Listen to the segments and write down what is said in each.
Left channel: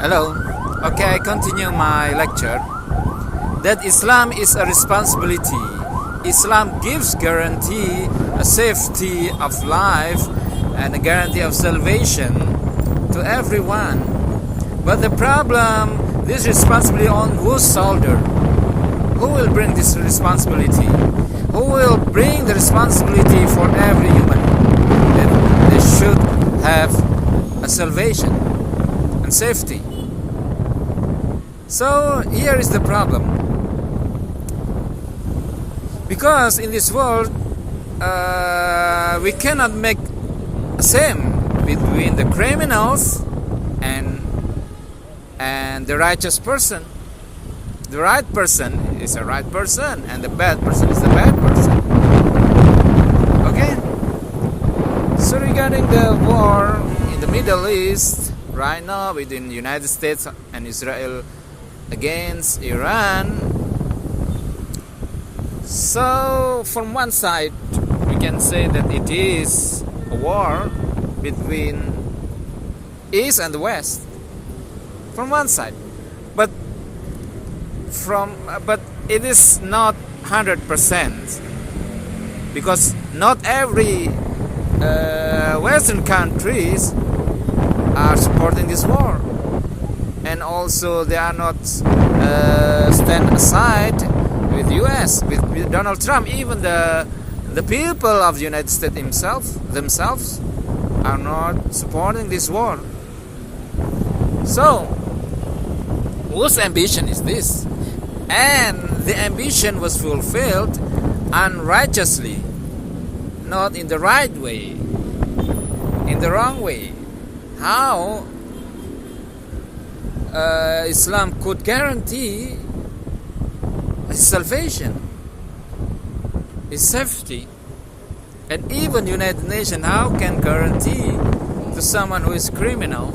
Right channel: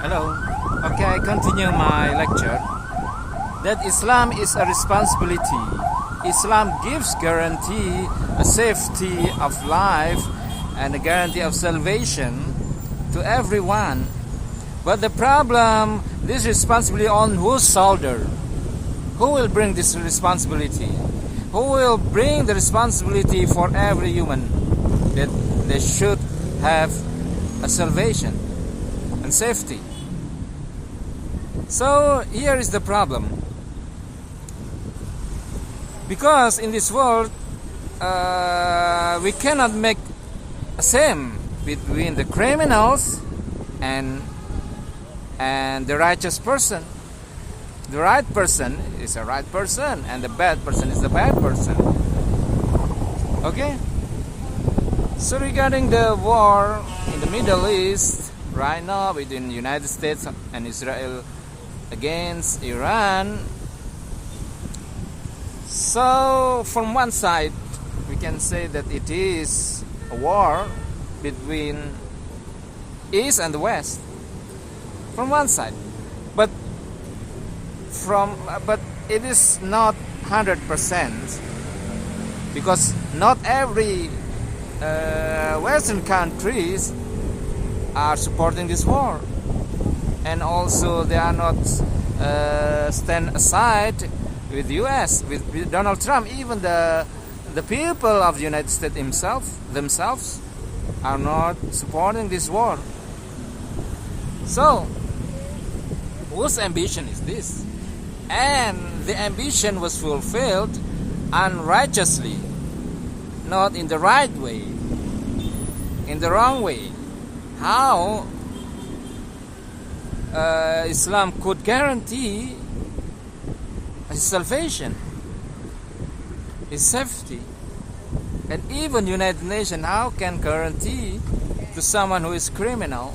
Hello. Okay, I continue my lecture. That Islam is a responsibility. Islam gives guarantee, a safety of life, and a guarantee of salvation to everyone. But the problem, this responsibility on whose shoulder? Who will bring this responsibility? Who will bring the responsibility for every human that they should have a salvation and safety? So here is the problem. Because in this world, we cannot make a same between the criminals and the righteous person. The right person is a right person, and the bad person is the bad person. Okay? So regarding the war in the Middle East right now between the United States and Israel against Iran, so from one side we can say that it is a war between East and the West, from one side, but it is not 100%, because not every Western countries are supporting this war, and also they are not stand aside with US, with Donald Trump. Even the people of the United States themselves are not supporting this war. So whose ambition is this? And the ambition was fulfilled unrighteously, not in the right way, in the wrong way. How Islam could guarantee his salvation, his safety, and even United Nations, how can guarantee to someone who is criminal?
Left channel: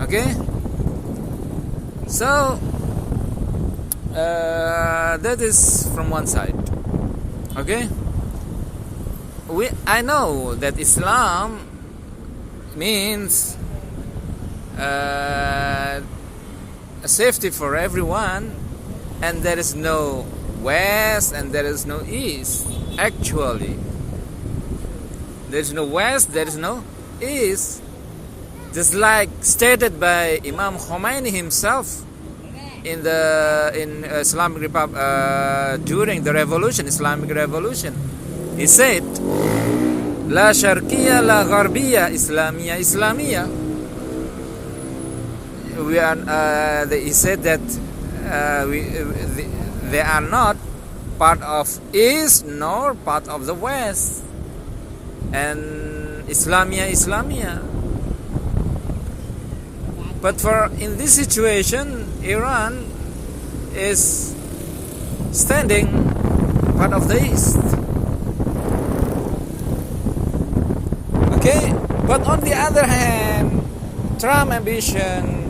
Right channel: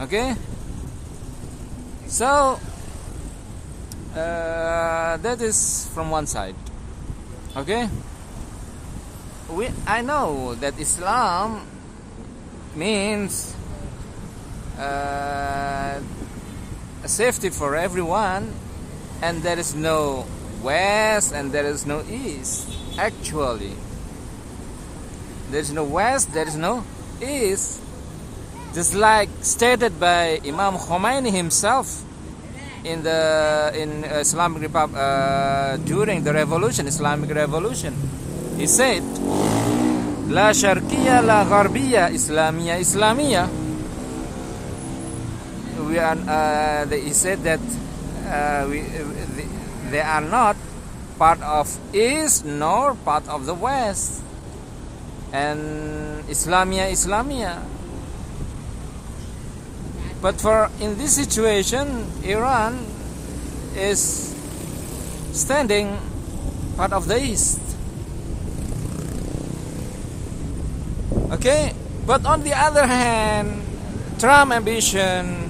Okay, so that is from one side. Okay, I know that Islam means a safety for everyone, and there is no West and there is no East. Actually, there is no West, there is no East. Just like stated by Imam Khomeini himself in Islamic Republic during the revolution, Islamic Revolution. He said, "La Sharqiyya, la Gharbiyya, Islamiyya, Islamiyya." He said that they are not part of East nor part of the West, and Islamiyya, Islamiyya. But in this situation, Iran is standing part of the East. Okay, but on the other hand, Trump ambition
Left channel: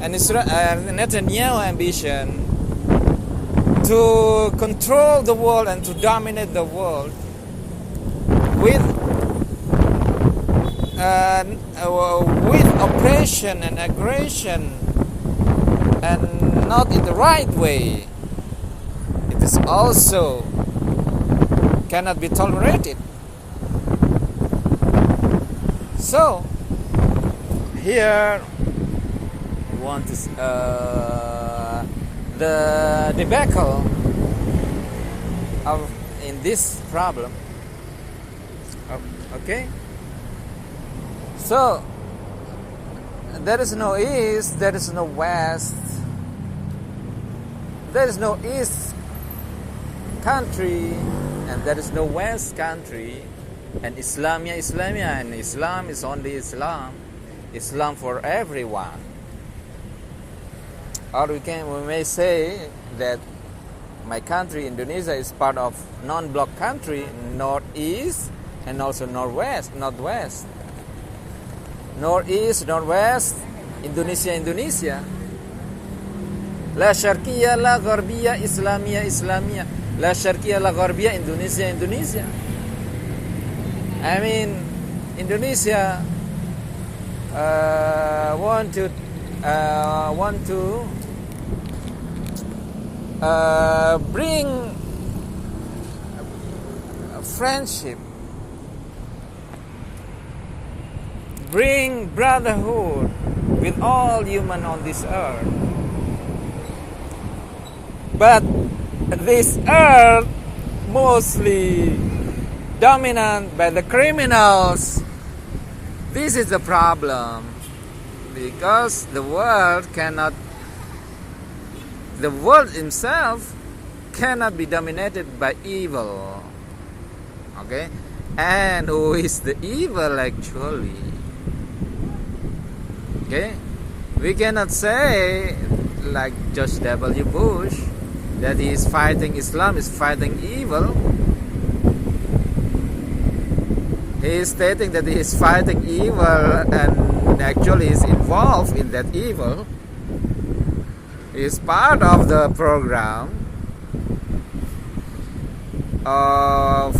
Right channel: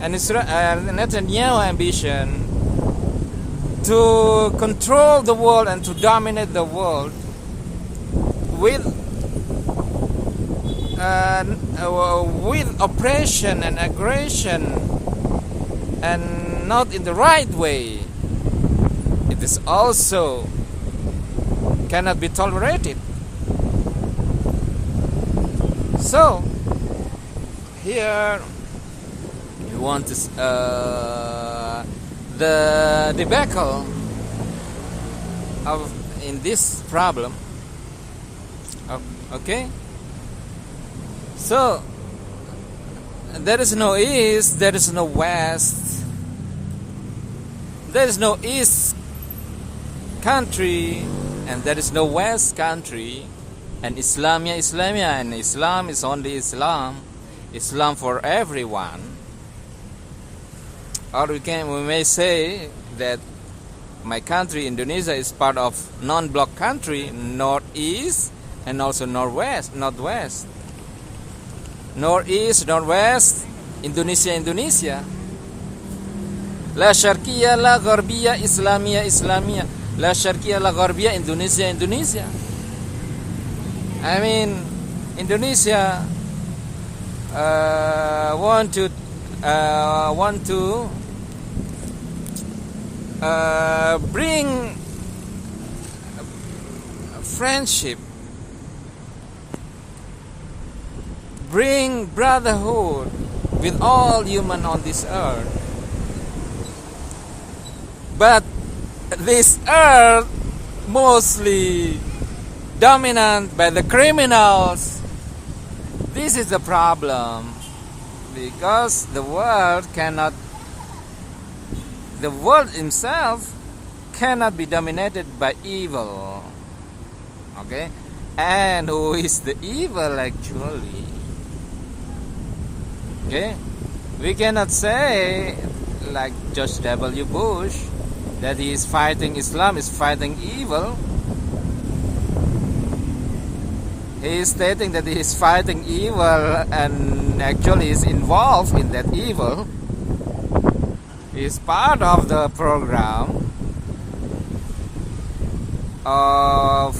and Netanyahu ambition to control the world and to dominate the world with oppression and aggression, and not in the right way, it is also cannot be tolerated. So here we want to the debacle in this problem. Okay, so there is no East, there is no West, there is no East country, and there is no West country, and Islamiyya, Islamiyya, and Islam is only Islam, Islam for everyone. Or we may say that my country, Indonesia, is part of non-block country, Northeast and also Northwest, Northwest. Northeast, Northwest, Indonesia, Indonesia. La Sharqiyya, la Gharbiyya, Islamiyya, Islamiyya. La Sharqiyya, la Gharbiyya, Indonesia, Indonesia. I mean, Indonesia want to bring friendship, bring brotherhood with all human on this earth. But this earth mostly dominant by the criminals. This is the problem, because the world himself cannot be dominated by evil. Okay? And who is the evil actually? Okay? We cannot say like George W. Bush that he is fighting Islam, is fighting evil. He is stating that he is fighting evil and actually is involved in that evil. He is part of the program of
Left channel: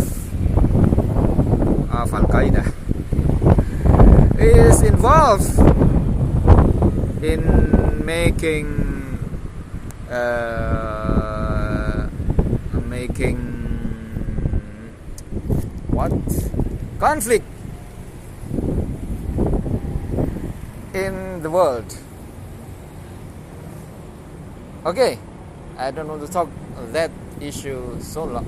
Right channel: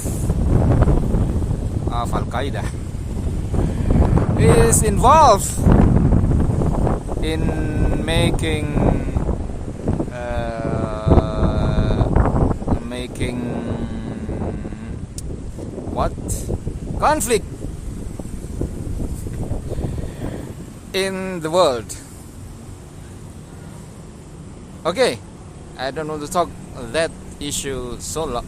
Al-Qaeda. He is involved in making what? Conflict in the world. Okay, I don't want to talk that issue so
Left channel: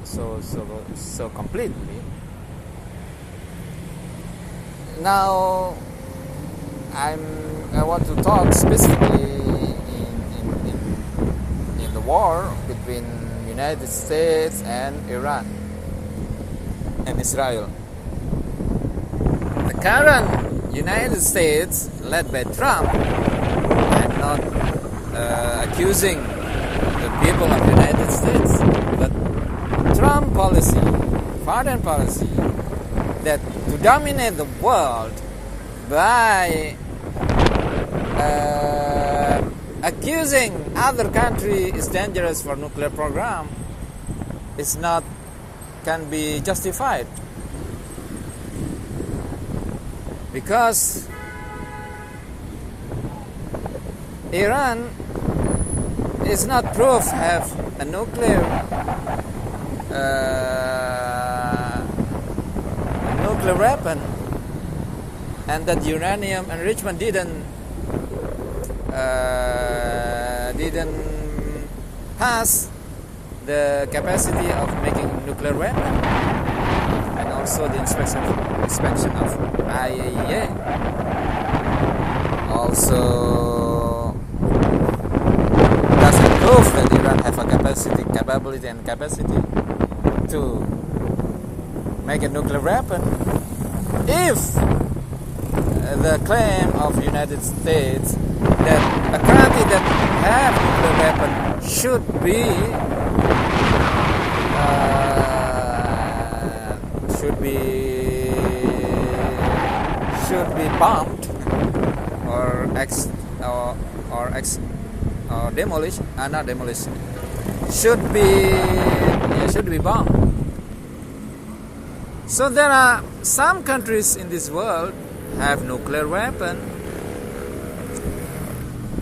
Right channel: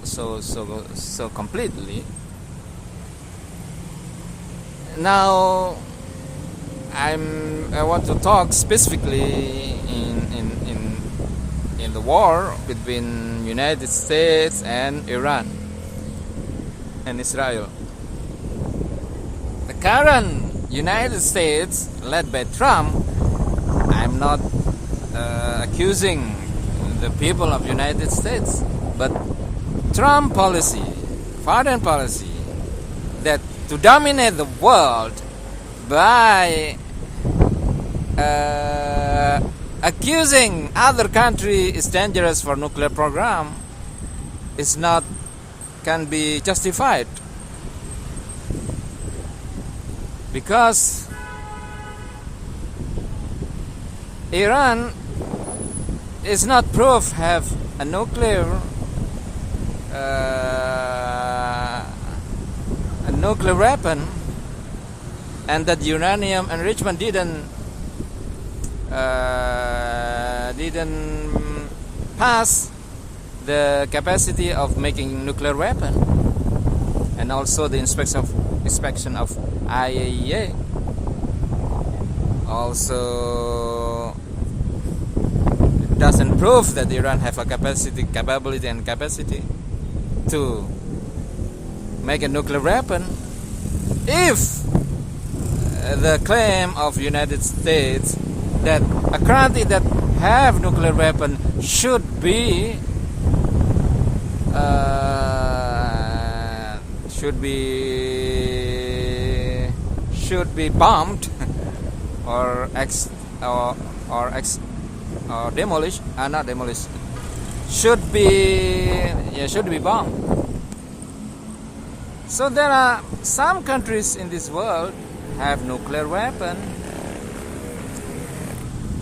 completely. Now I want to talk specifically in the war between United States and Iran and Israel. The current United States, led by Trump, I'm not accusing the people of United States, but Trump policy, foreign policy, that to dominate the world by accusing other country is dangerous for nuclear program can be justified, because Iran is not proved have a nuclear weapon, and that uranium enrichment didn't pass the capacity of making nuclear weapon, and also the inspection of IAEA also doesn't prove that Iran have a capability to make a nuclear weapon. If the claim of United States that a country that have nuclear weapon should be bombed or demolished, not demolished, should be bombed. So there are some countries in this world have nuclear weapon,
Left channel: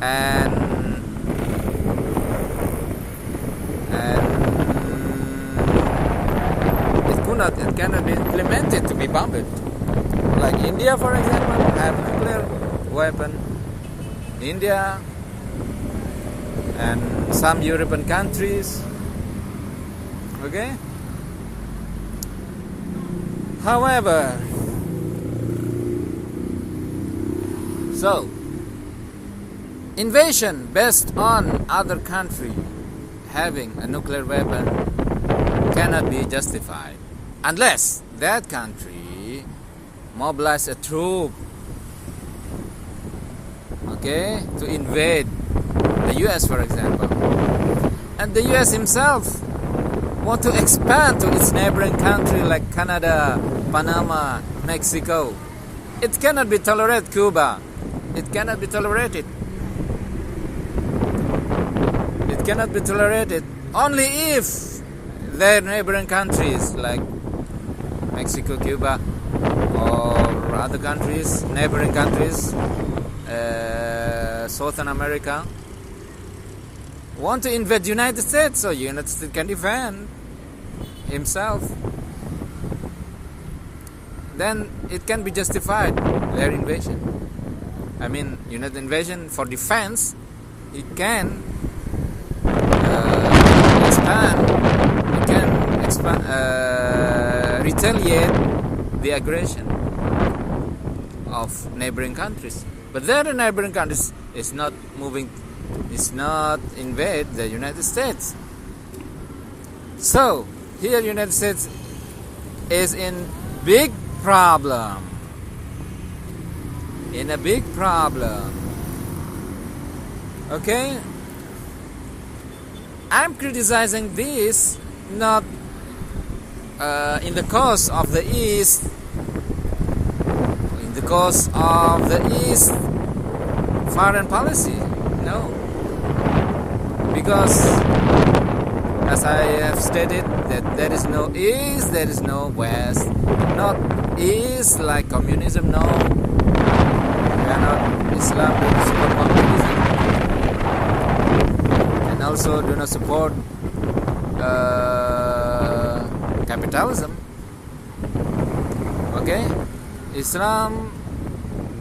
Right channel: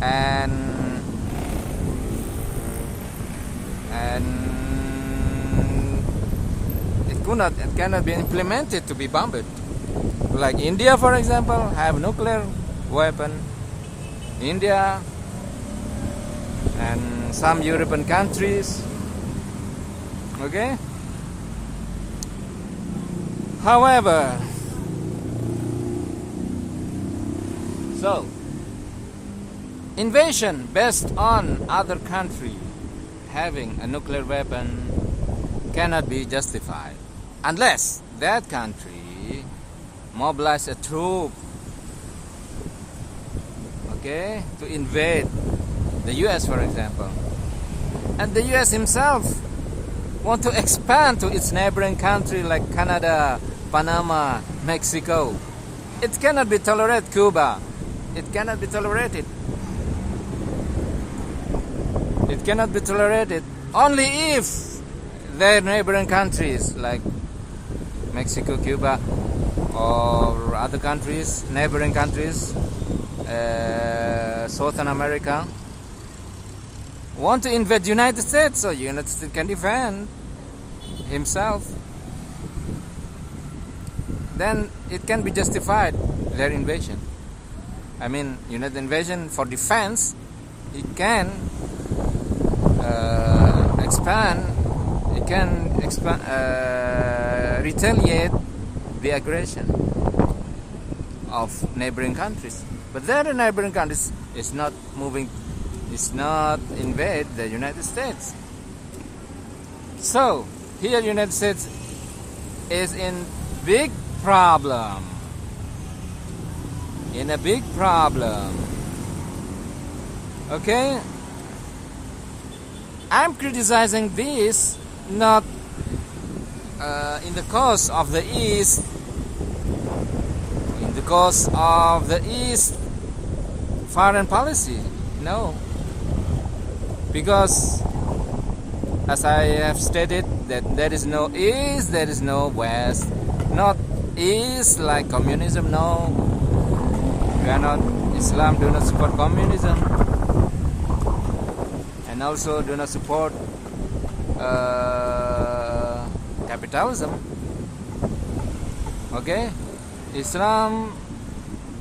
and it cannot be implemented to be bombed. Like India, for example, have nuclear weapon. India and some European countries. Okay. However, so invasion based on other country having a nuclear weapon cannot be justified unless that country mobilize a troop, okay, to invade the US, for example, and the US himself want to expand to its neighboring country like Canada, Panama, Mexico. It cannot be tolerated. Cuba, it cannot be tolerated. It cannot be tolerated only if their neighboring countries like Mexico, Cuba, or other countries, neighboring countries, Southern America want to invade the United States, so United States can defend himself. Then it can be justified, their invasion. I mean, United invasion for defense, it can retaliate the aggression of neighboring countries. But their neighboring countries is not invade the United States. So here United States is in big problem. In a big problem. Okay? I'm criticizing this not in the cause of the East, in the cause of the East foreign policy. No. Because as I have stated that there is no East, there is no West. Not East like communism, no. We are not, Islam do not support communism. And also do not support capitalism. Okay? Islam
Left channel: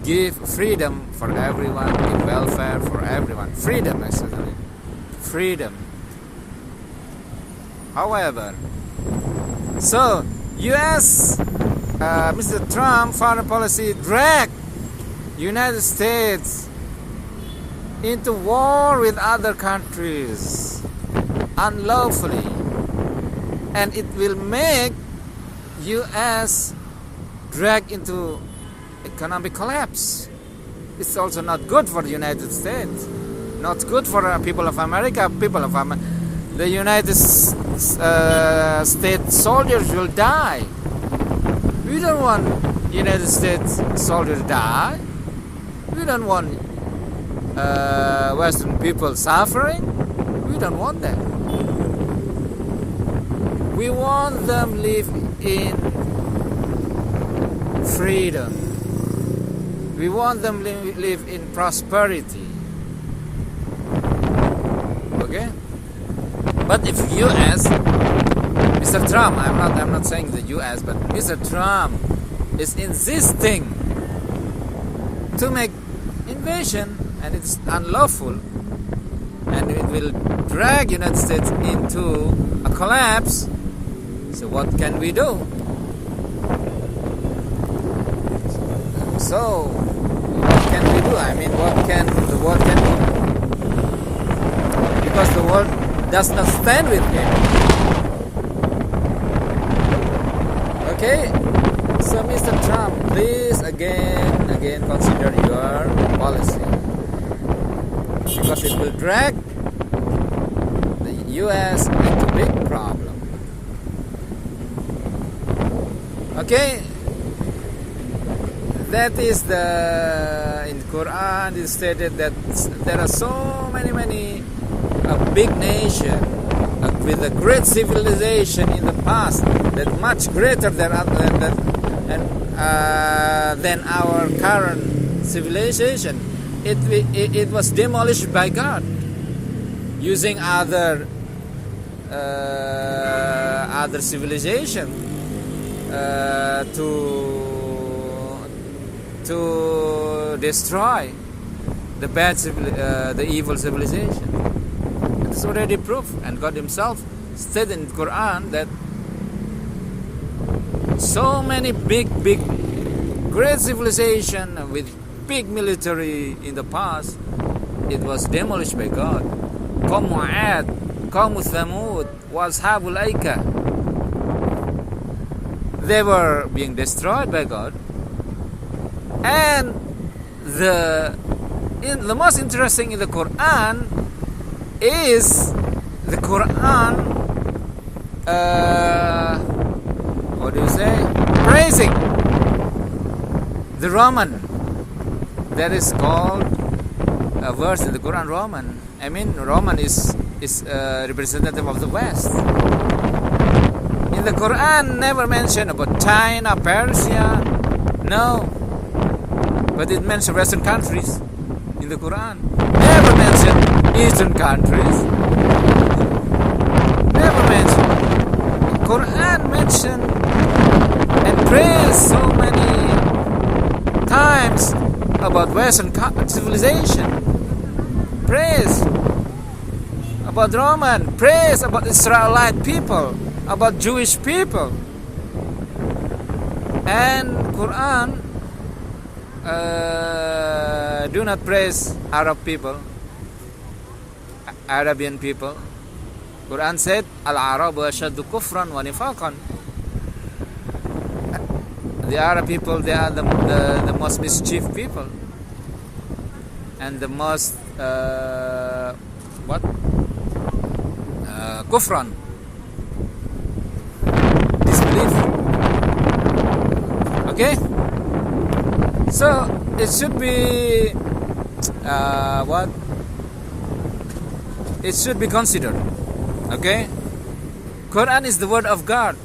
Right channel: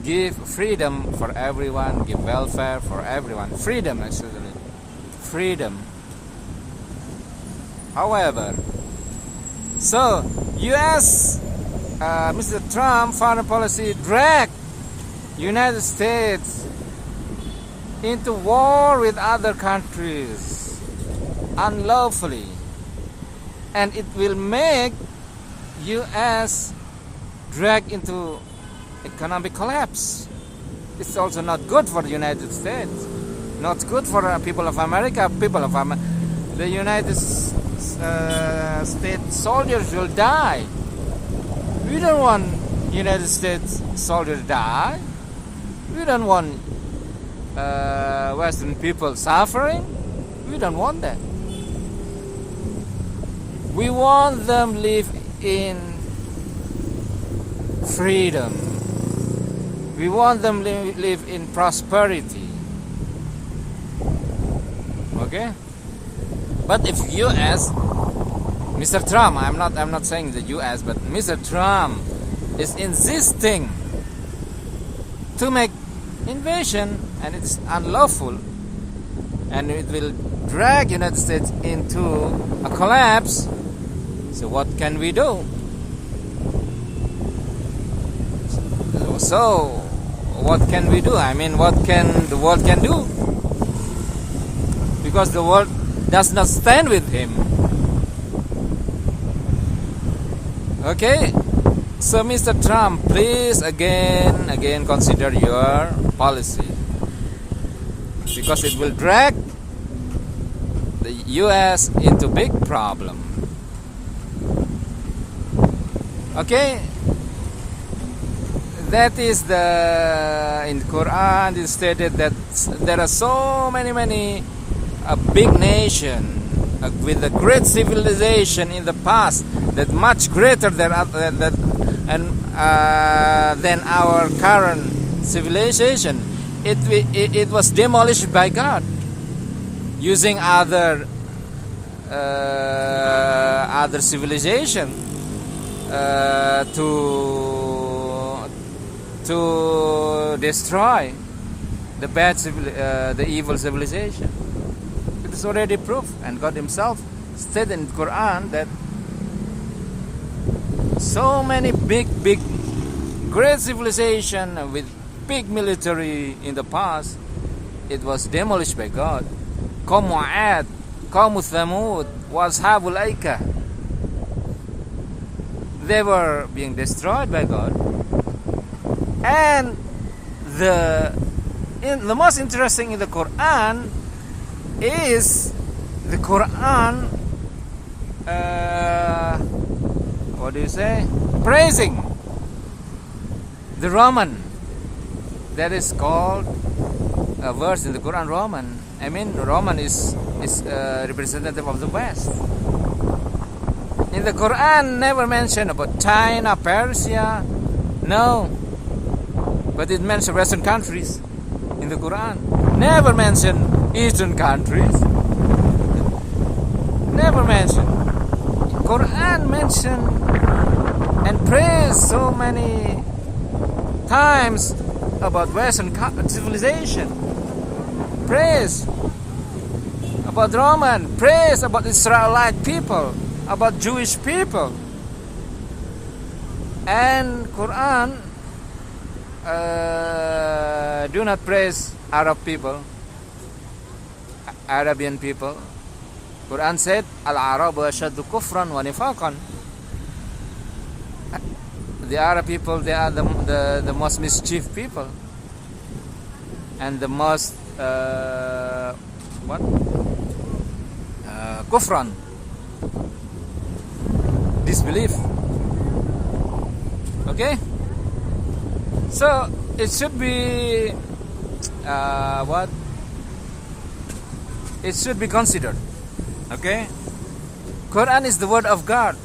give freedom for everyone, give welfare for everyone. Freedom, actually. Freedom. However, so US, Mr. Trump foreign policy dragged United States into war with other countries unlawfully, and it will make US drag into economic collapse. It's also not good for the United States, not good for people of America. The United States soldiers will die. We don't want United States soldiers to die. We don't want Western people suffering. We don't want that. We want them live in freedom. We want them live in prosperity. Okay? But if US, Mr. Trump, I'm not saying the US, but Mr. Trump is insisting to make invasion, and it's unlawful, and it will drag United States into a collapse. So what can we do? So what can we do? I mean, what can the world can do? Because the world does not stand with him. Okay? So Mr. Trump, please again consider your policy, because it will drag the US into big problem. Okay? That is in the Quran it stated that there are so many big nation with a great civilization in the past, that much greater than our current civilization. It was demolished by God using other civilization to destroy the evil civilization. It's already proved, and God Himself stated in the Quran that so many big, great civilization with big military in the past, it was demolished by God. Qawm Ad, Qawm Thamud, Washabul Aika. They were being destroyed by God. And the most interesting in the Quran is the Quran, praising the Roman. That is called a verse in the Quran, Roman. I mean, Roman is representative of the West. In the Quran, never mentioned about China, Persia, no. But it mentions Western countries. in the Quran. Never mention Eastern countries. Never mention. Quran mentioned and praised so many times about Western civilization. Praise about Roman. Praise about Israelite people. About Jewish people. And Quran do not praise Arab people, Arabian people. Quran said, Al-Arabu ashaddu kufran wa nifaqan. The Arab people, they are the most mischief people. And the most, kufran. Disbelief. Okay? So, it should be, It should be considered. Okay? Quran is the word of God.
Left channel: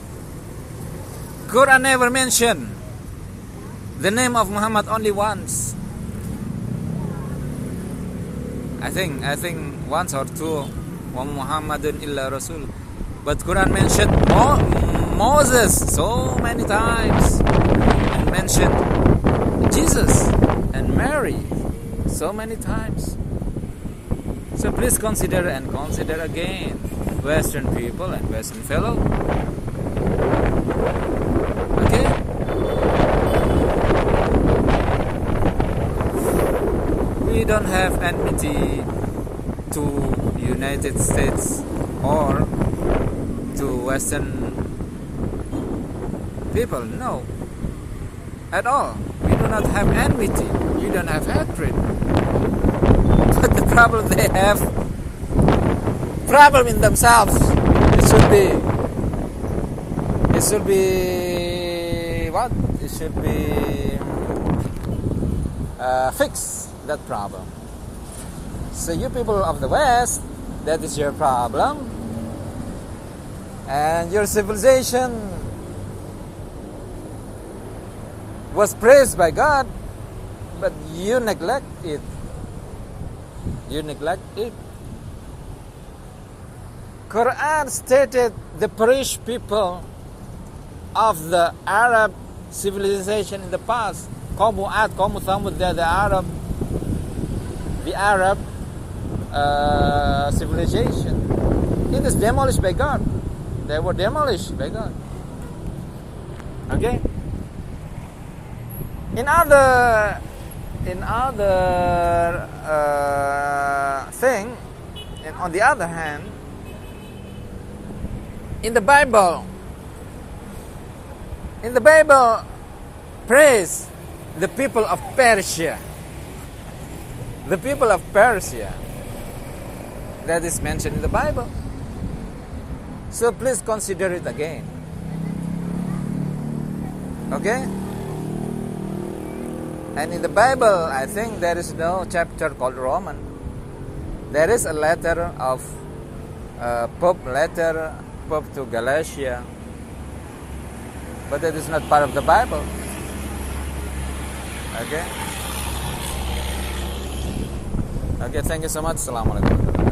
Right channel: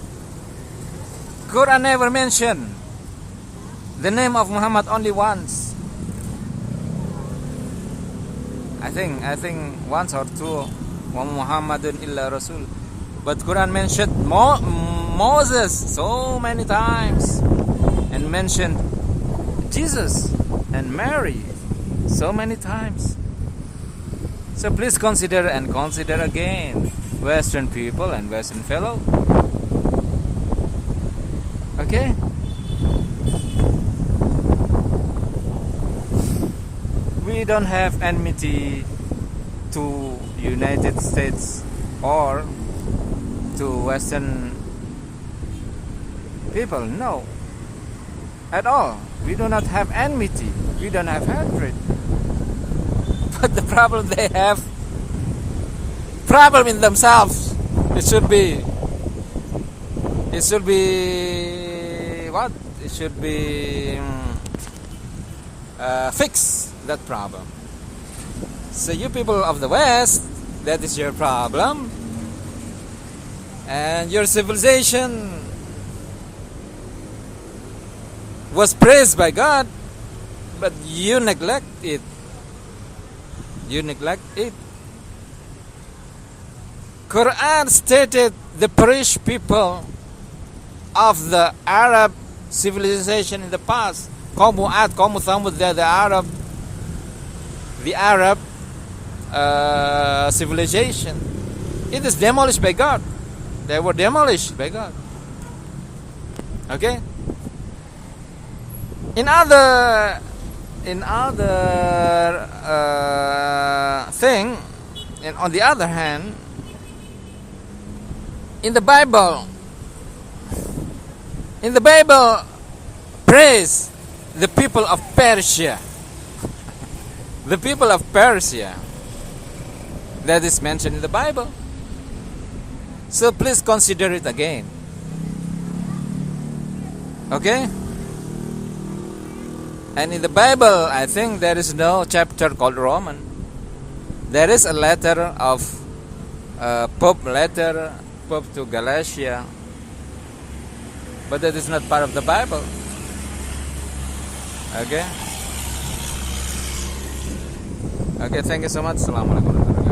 Quran never mentioned the name of Muhammad only once. I think once or two. Wa Muhammadun illa Rasul. But Quran mentioned Moses so many times, and mentioned Jesus and Mary so many times. So please consider again, Western people and Western fellow. Okay? We don't have enmity to United States or to Western people. No. At all. We do not have enmity. You don't have hatred. But the problem they have, problem in themselves. It should be what? It should be fix that problem. So you people of the West, that is your problem. And your civilization was praised by God, but you neglect it. You neglect it. Quran stated the perished people of the Arab civilization in the past. Qawm Ad, Qawm Thamud, they're the Arab civilization. It is demolished by God. They were demolished by God. Okay? In other thing, and on the other hand, in the Bible praise the people of Persia. The people of Persia, that is mentioned in the Bible. So please consider it again. Okay? And in the Bible, I think there is no chapter called Roman. There is a letter of Pope to Galatia, but that is not part of the Bible. Okay? Okay, thank you so much. Assalamualaikum.